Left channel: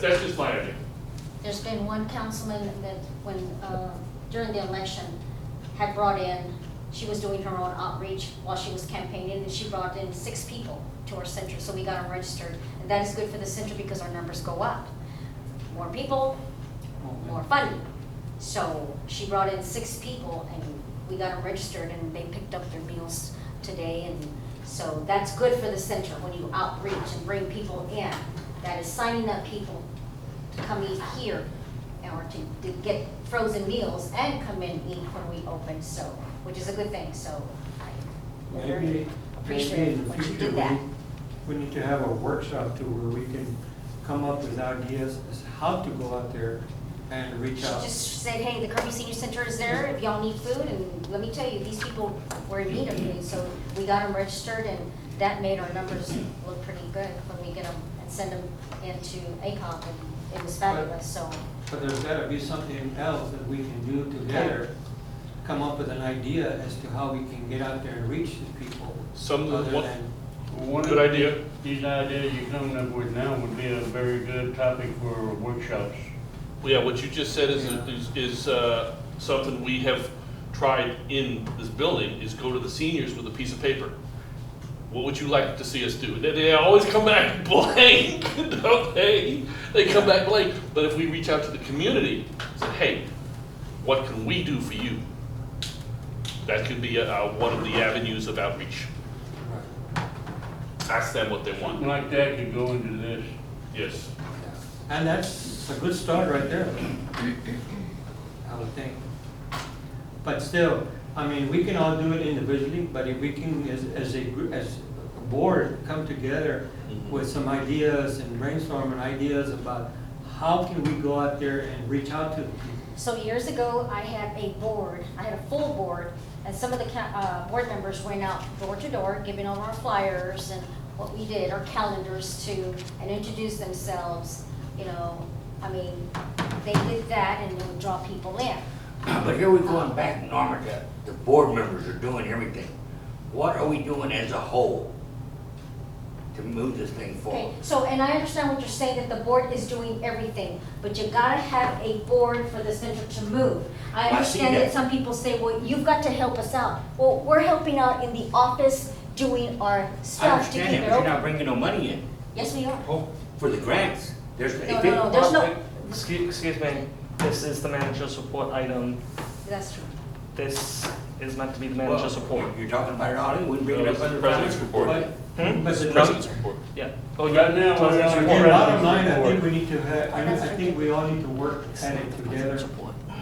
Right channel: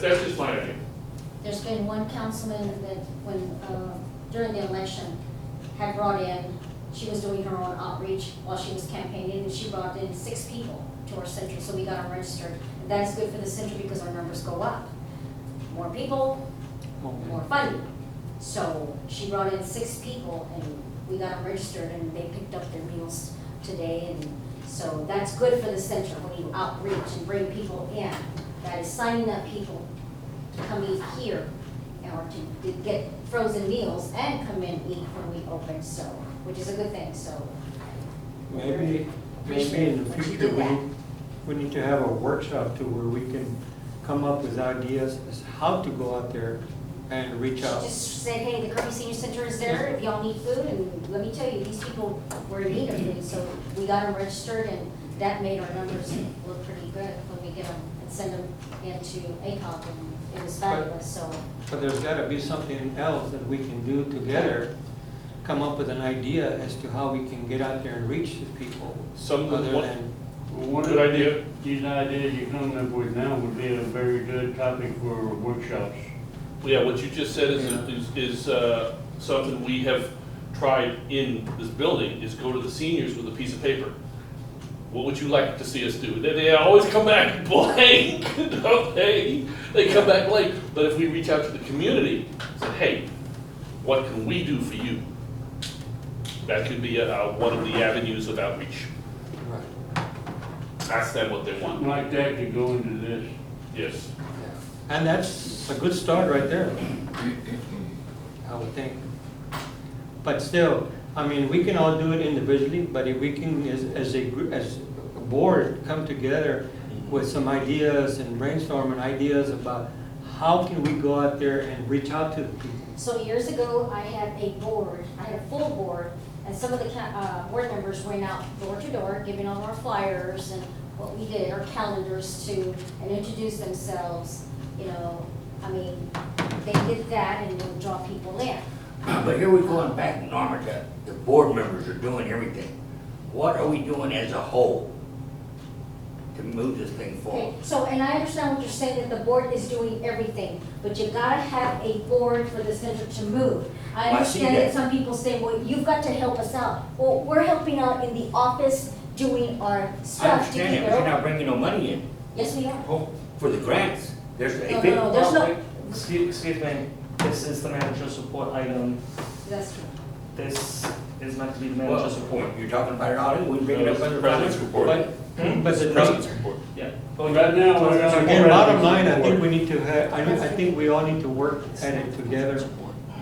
That's just my idea. There's been one councilman that when, during the election, had brought in, she was doing her own outreach while she was campaigning, and she brought in 6 people to our center, so we got them registered. And that is good for the center because our numbers go up. More people, more funding. So she brought in 6 people and we got them registered and they picked up their meals today. And so that's good for the center when you outreach and bring people in. That is signing up people to come eat here or to get frozen meals and come in and eat when we open, so, which is a good thing, so. Maybe in the future, we need to have a workshop to where we can come up with ideas as how to go out there and reach out. She just said, hey, the Kirby Senior Center is there, if y'all need food, and let me tell you, these people were in need of food, so we got them registered, and that made our numbers look pretty good when we get them and send them into ACOG, and it was fabulous, so. But there's gotta be something else that we can do together, come up with an idea as to how we can get out there and reach the people. Other than, One Good of idea. these ideas you're coming up with now would be a very good topic for workshops. Yeah, what you just said is something we have tried in this building, is go to the seniors with a piece of paper. What would you like to see us do? They always come back blank, don't they? They come back blank. But if we reach out to the community, say, hey, what can we do for you? That could be one of the avenues of outreach. right. Ask them what they Something want. like that could go into this. Yes. And that's a good start right there, I would think. But still, I mean, we can all do it individually, but if we can, as a group, as a board, come together with some ideas and brainstorming ideas about how can we go out there and reach out to the people. So years ago, I had a full board, and some of the board members went out door to door, giving over our flyers and what we did, our calendars too, and introduced themselves, you know, I mean, they did that and would draw people in. But here we're going back, Norma, the board members are doing everything. What are we doing as a whole to move this thing Okay, forward? so, and I understand what you're saying, that the board is doing everything, but you gotta have a board for the center to move. I I see understand that that. some people say, well, you've got to help us out. Well, we're helping out in the office, doing our I stuff to understand keep that, it but you're open. not bringing no money in Yes, we are. for the grants. There's No, there's no, Excuse me, this is the manager's report item. that's true. This is meant to be the Well, manager's report. You're talking about it all, we wouldn't bring it No, up it's under the president's finance. report. But the President's report. Yeah. Right now, we're on Again, bottom line, I think we need to have, I think we all need to work at it together,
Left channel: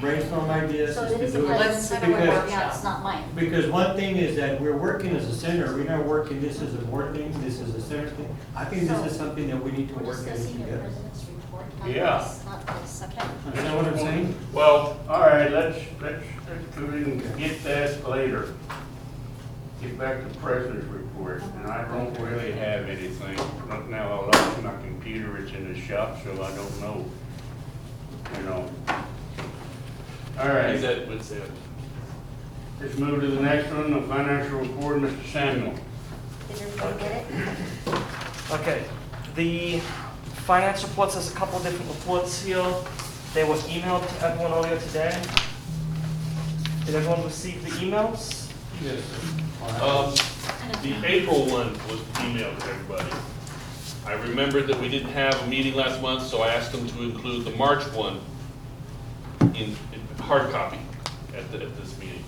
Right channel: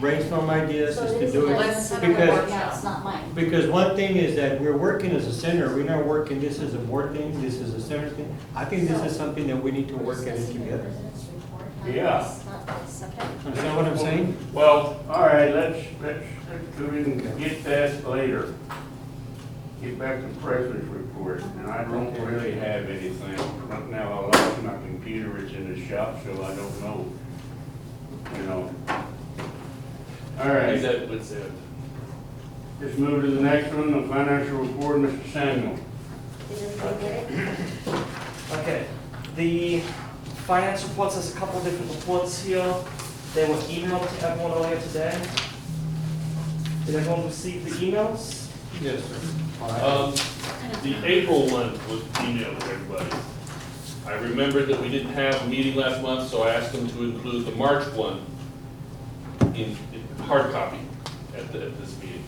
brainstorm ideas So as it to is do the it. president's center Because- report, yeah, it's not mine. Because one thing is that we're working as a center, we're not working this as a board thing, this is a center thing. I think this is something that we need to work at it together. Yeah. Not this, okay. Understand what I'm saying? Well, All right, let's go ahead and get that later. Get back to President's report, and I don't really have anything. Right now, I lost my computer, it's in the shop, so I don't know. You know. All I right, that would say it. let's move to the next one, the financial report, Mr. Samuel. Did everybody get it? Okay, the finance reports, there's a couple of different reports here. They were emailed to everyone earlier today. Did everyone receive the emails? Yes, sir. The April one was emailed to everybody. I remembered that we didn't have a meeting last month, so I asked them to include the March one in hard copy at this meeting.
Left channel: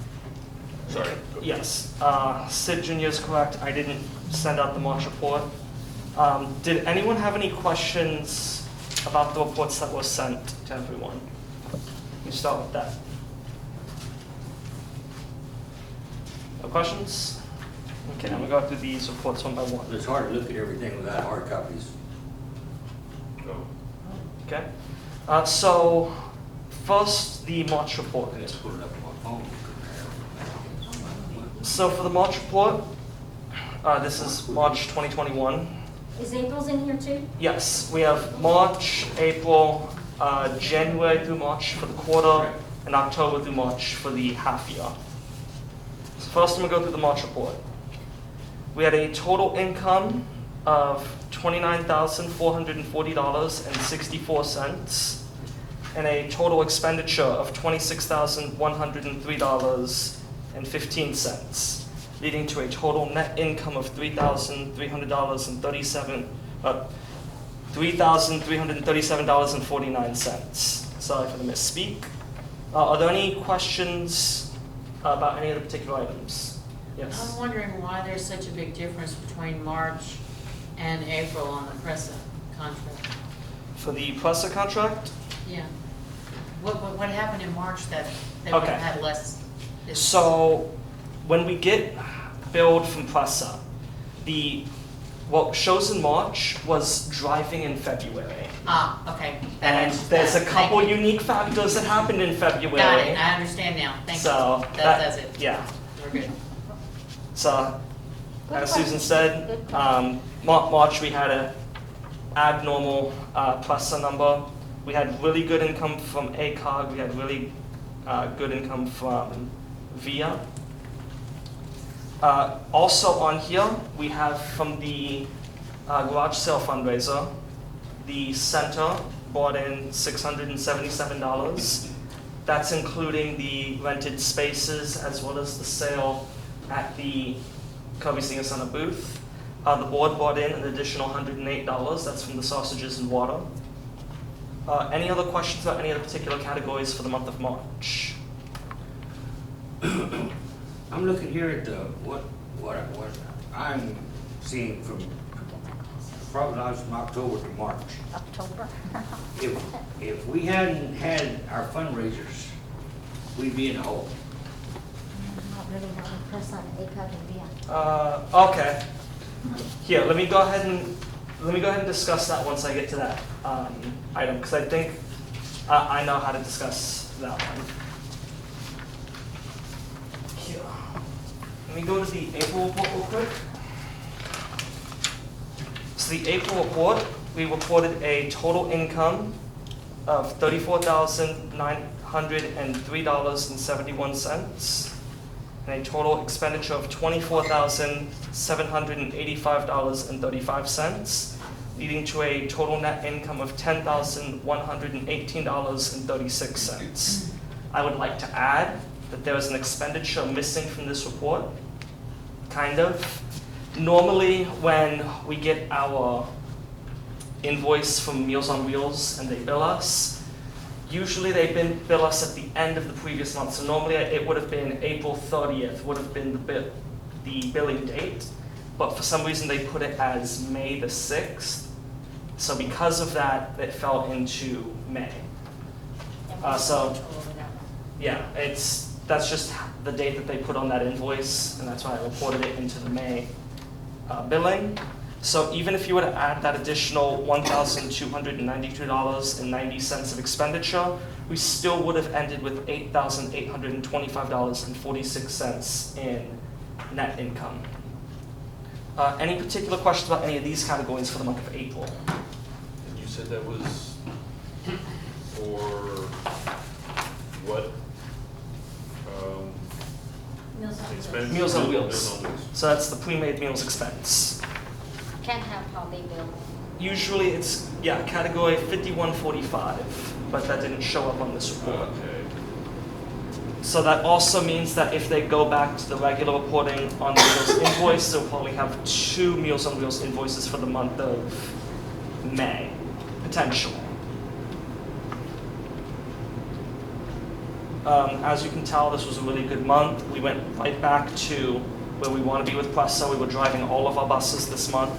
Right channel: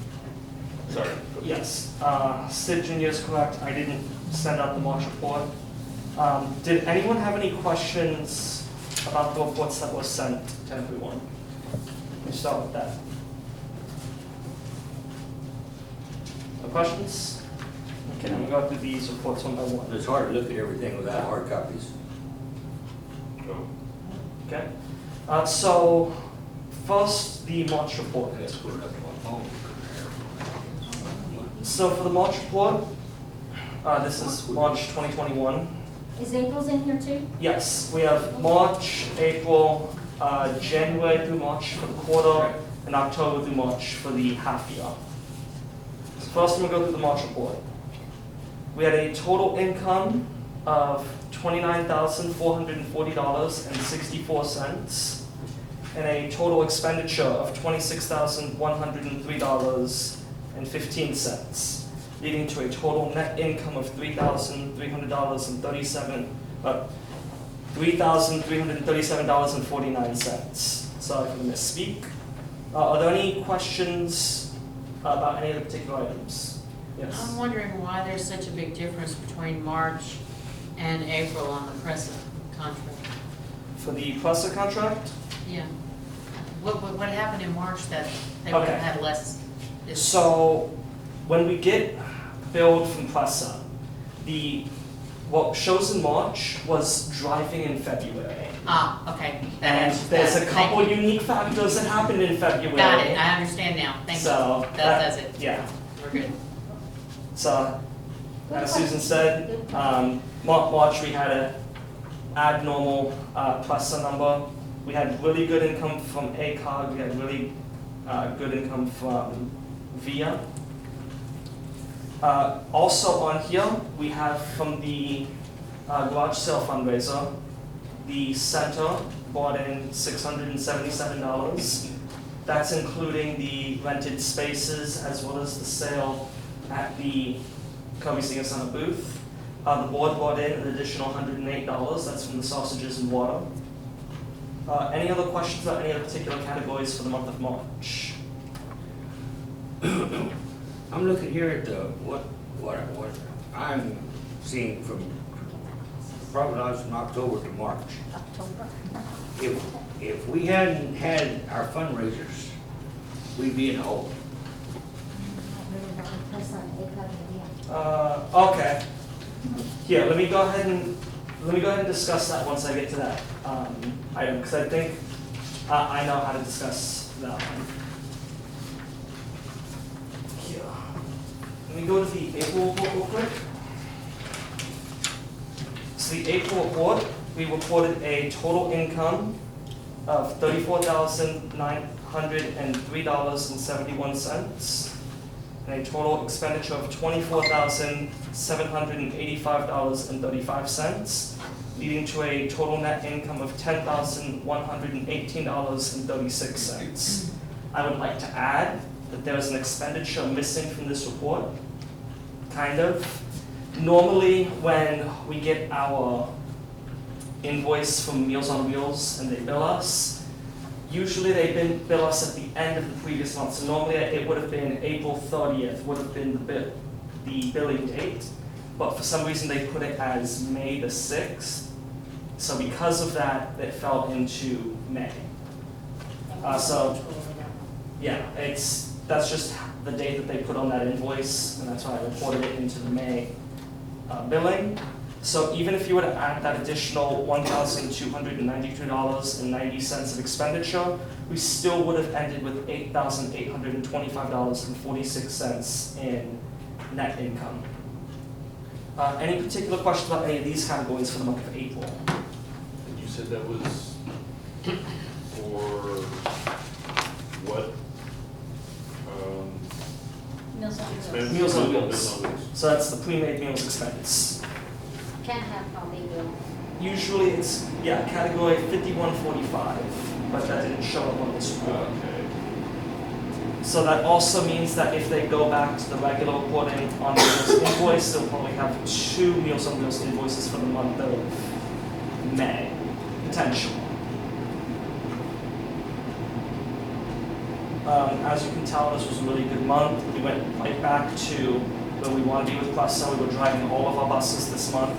Sorry. Yes, Sid Jr. is correct, I didn't send out the March report. Did anyone have any questions about the reports that were sent to everyone? Let me start with that. No questions? Okay, I'm gonna go through these reports one by one. It's hard to look at everything without hard copies. Oh. Okay, so first, the March report. Let's put it up on my phone. So for the March report, this is March 2021. Is April's in here too? Yes, we have March, April, January through March for the quarter, and October through March for the half year. So first, I'm gonna go through the March report. We had a total income of $29,440.64, and a total expenditure of $26,103.15, leading to a total net income of $3,337.49. Sorry for the misspeak. Are there any questions about any of the particular items? Yes. I'm wondering why there's such a big difference between March and April on the present contract. For the Presser contract? Yeah. What happened in March that they would have Okay. had less? So, when we get billed from Presser, what shows in March was driving in February. Ah, okay. That And answers there's a that. couple Thank you. unique factors that happened in February. Got it, I understand now, thank you. So, That does it, Yeah. we're good. So, Good as Susan question. said, Good question. March we had an abnormal Presser number. We had really good income from ACOG, we had really good income from VIA. Also on here, we have from the garage sale fundraiser, the center bought in $677. That's including the rented spaces as well as the sale at the Kirby Senior Center booth. The board bought in an additional $108, that's from the sausages and water. Any other questions about any of the particular categories for the month of March? I'm looking here at what I'm seeing from, probably not from October to March. October. If we hadn't had our fundraisers, we'd be in a hole. Not really, not in person, ACOG and VIA. Okay. Here, let me go ahead and discuss that once I get to that item, because I think I know how to discuss that one. Here. Let me go to the April report real quick. So the April report, we reported a total income of $34,903.71. And a total expenditure of $24,785.35, leading to a total net income of $10,118.36. I would like to add that there is an expenditure missing from this report, kind of. Normally, when we get our invoice from Meals on Wheels and they bill us, usually they bill us at the end of the previous month. So normally it would have been April 30th would have been the billing date. But for some reason they put it as May the 6th. So because of that, it fell into May. Yeah, that's just the date that they put on that invoice, and that's why I reported it into the May billing. So even if you were to add that additional $1,292.90 of expenditure, we still would have ended with $8,825.46 in net income. Any particular questions about any of these categories for the month of April? And you said that was for what? Meals on Wheels. Expense? Meals on Wheels. Meals on Wheels. So that's the pre-made meals expense. Can't have how they bill. Usually it's, category 5145, but that didn't show up on this report. Okay. So that also means that if they go back to the regular reporting on the Meals invoice, they'll probably have 2 Meals on Wheels invoices for the month of May, potentially. As you can tell, this was a really good month. We went right back to where we want to be with Presser. We were driving all of our buses this month,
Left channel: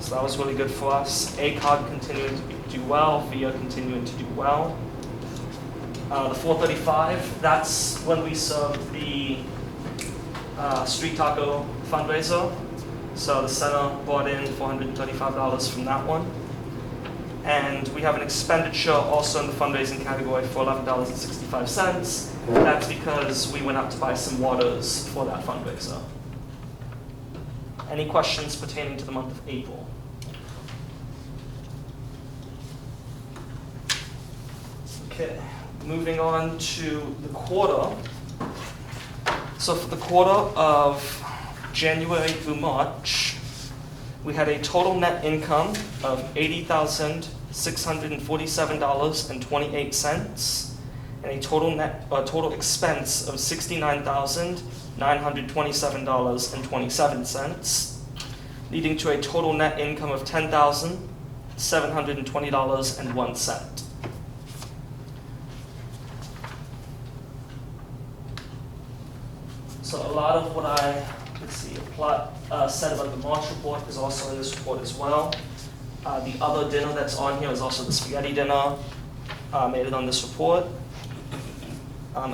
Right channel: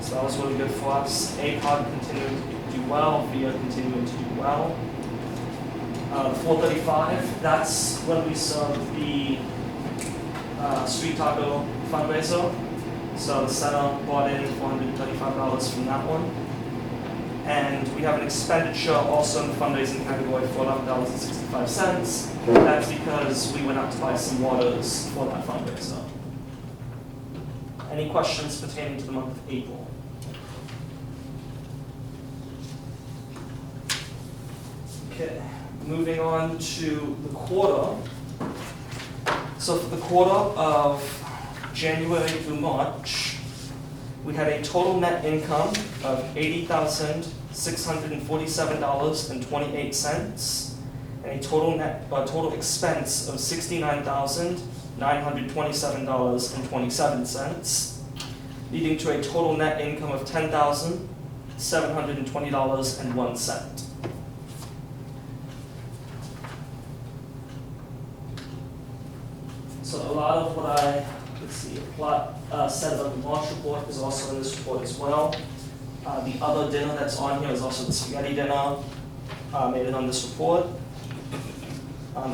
so that was really good for us. ACOG continuing to do well, VIA continuing to do well. The 435, that's when we served the street taco fundraiser. So the center brought in $435 from that one. And we have an expenditure also in the fundraising category for $11.65. That's because we went out to buy some waters for that fundraiser. Any questions pertaining to the month of April? Okay, moving on to the quarter. So for the quarter of January through March, We had a total net income of $80,647.28, and a total expense of $69,927.27, leading to a total net income of $10,720.01. So a lot of what I, said about the March report is also in this report as well. The other dinner that's on here is also the spaghetti dinner, made it on this report.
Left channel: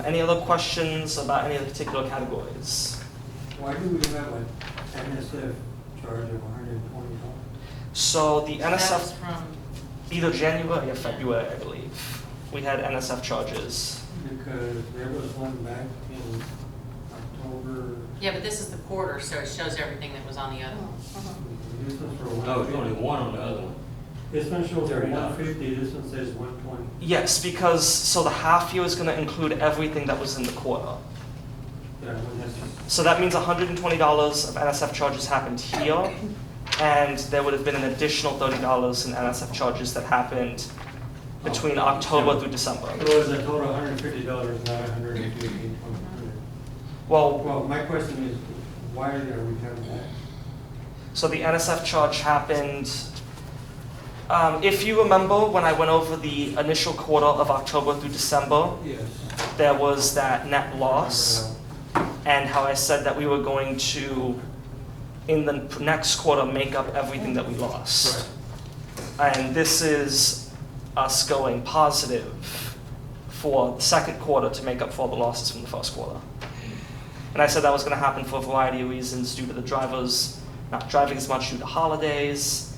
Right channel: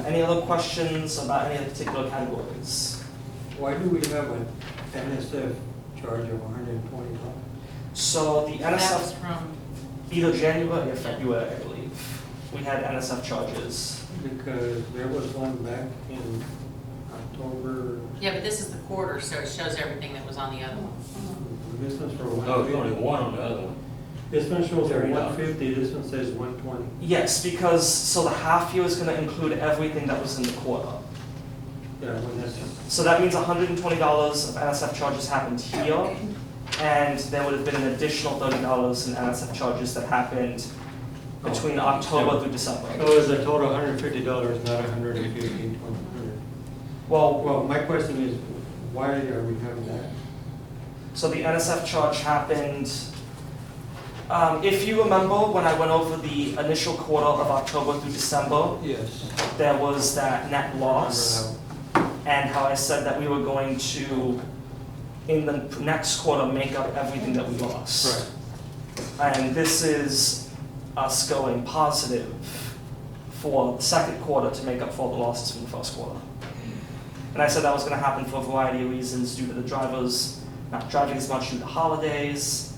Any other questions about any of the particular categories? Why do we have an NSF charge of $120? So the That was NSF, from, either January or February, I believe, we had NSF charges. Because there was one back in October. yeah, but this is the quarter, so it shows everything that was on the other one. This one's for one. No, it's only one on the other one. This one shows $30. 150, this one says 120. Yes, because, so the half year is gonna include everything that was in the quarter. Yeah, when that's, So that means $120 of NSF charges happened here, and there would have been an additional $30 in NSF charges that happened between October through December. it was a total $150, not $150. Well, Well, my question is, why are we having that? so the NSF charge happened, if you remember when I went over the initial quarter of October through December, Yes. there was that net loss, and how I said that we were going to, in the next quarter, make up everything that we lost. Right. And this is us going positive for the second quarter to make up for all the losses from the first quarter. And I said that was gonna happen for a variety of reasons, due to the drivers not driving as much due to holidays,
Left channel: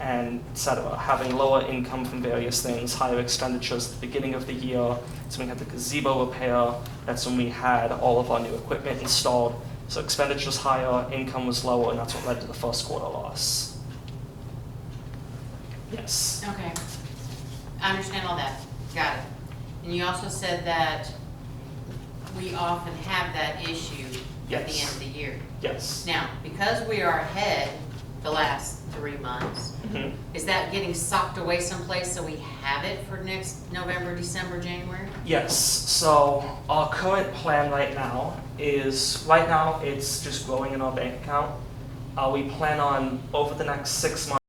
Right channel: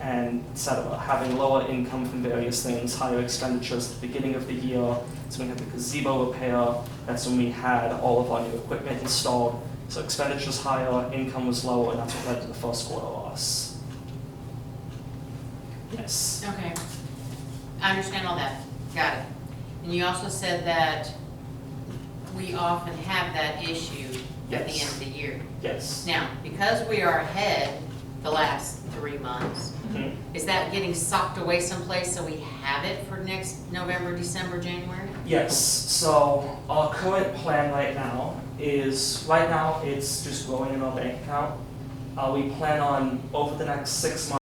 and et cetera, having lower income from various things, higher expenditures at the beginning of the year. So we had the gazebo repair, that's when we had all of our new equipment installed. So expenditures higher, income was lower, and that's what led to the first quarter loss. Yes. Okay, I understand all that, got it. And you also said that we often have that issue at the Yes. end of the year. Yes. Now, because we are ahead the last 3 months, Mhm. is that getting socked away someplace so we have it for next November, December, January? Yes, so our current plan right now is, right now, it's just growing in our bank account. We plan on, over the next 6 months,